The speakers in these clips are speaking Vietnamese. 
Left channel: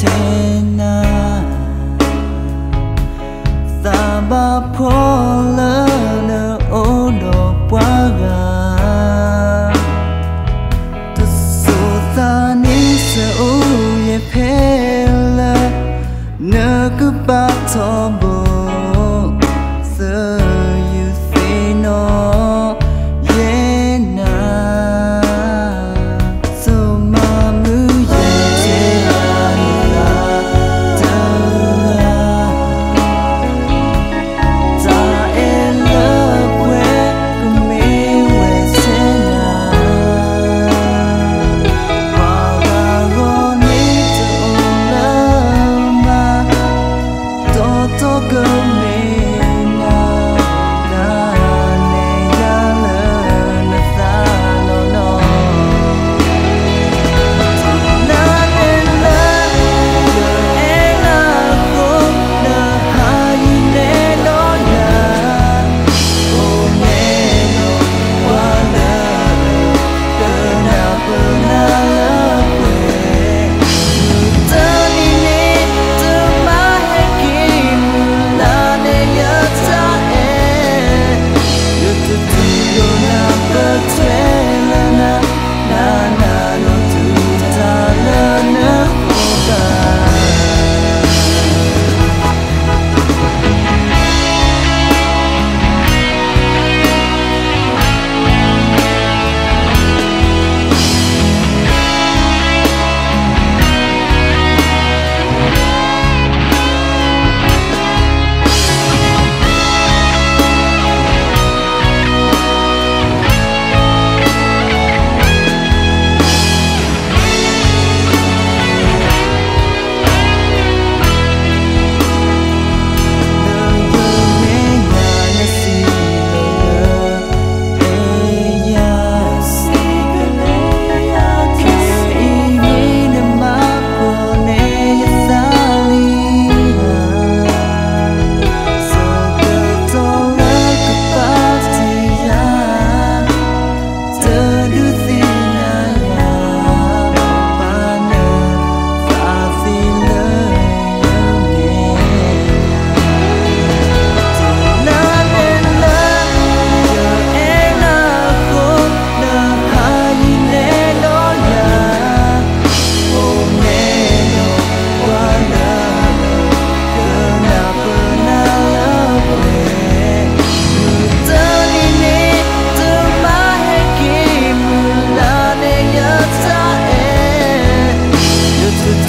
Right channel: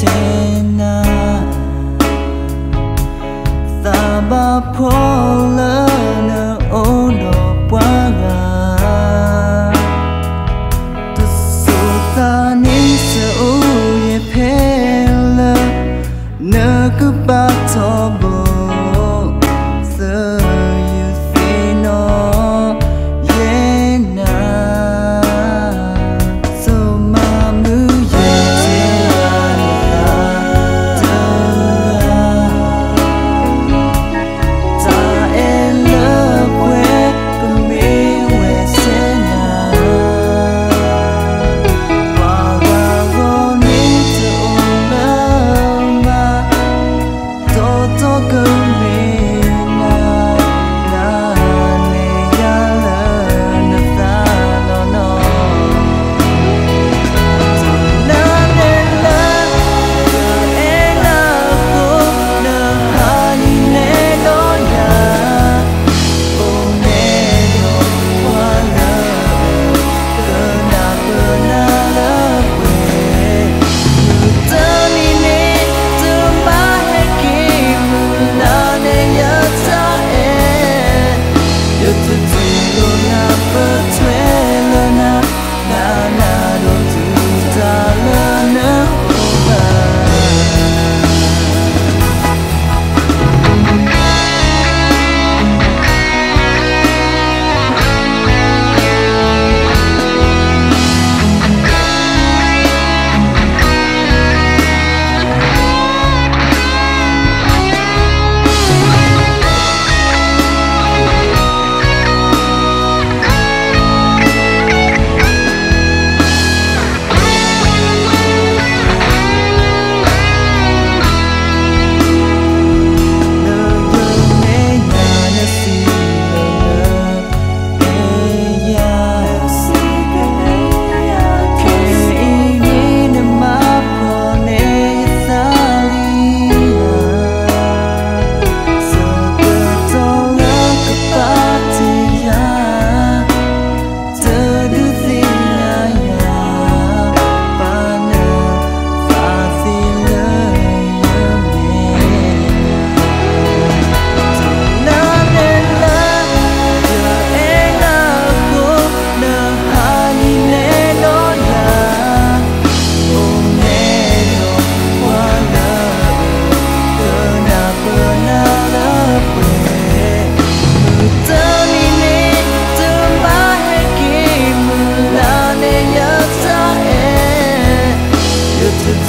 tena Saba pola na odo paga Tu sota ni sa uye pela Na kubatombo So you say no Yena So mamu ye tera na dura Ta ela pwe kume we sena Paga go ni to ulama Toto kume Tu lo na patwela na na lo tu ta la na hoba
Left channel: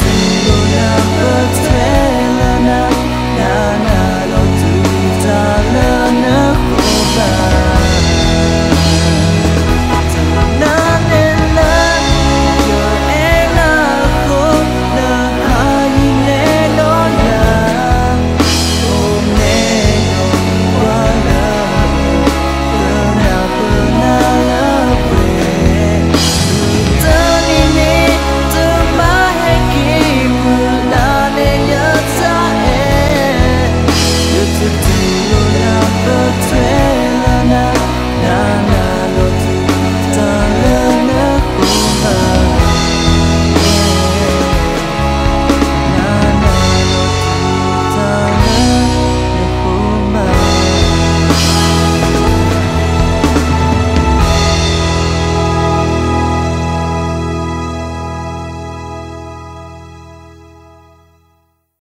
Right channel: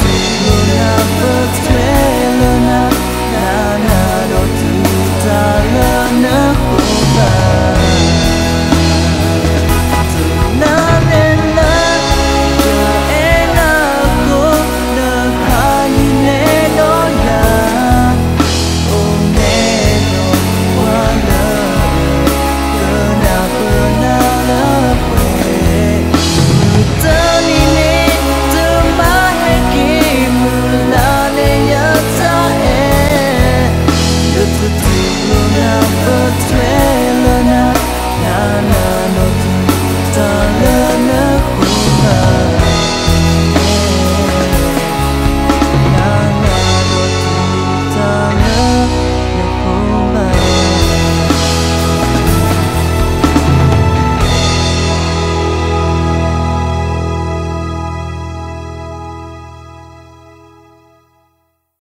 Tu lo na patwela na lo tu ta la na hoba Tu na ne la yo e na ko na hai ne no ya o ne no wa la ka na pa na la pwe mu ta ni ne Tu lo na patwela na lo tu ta la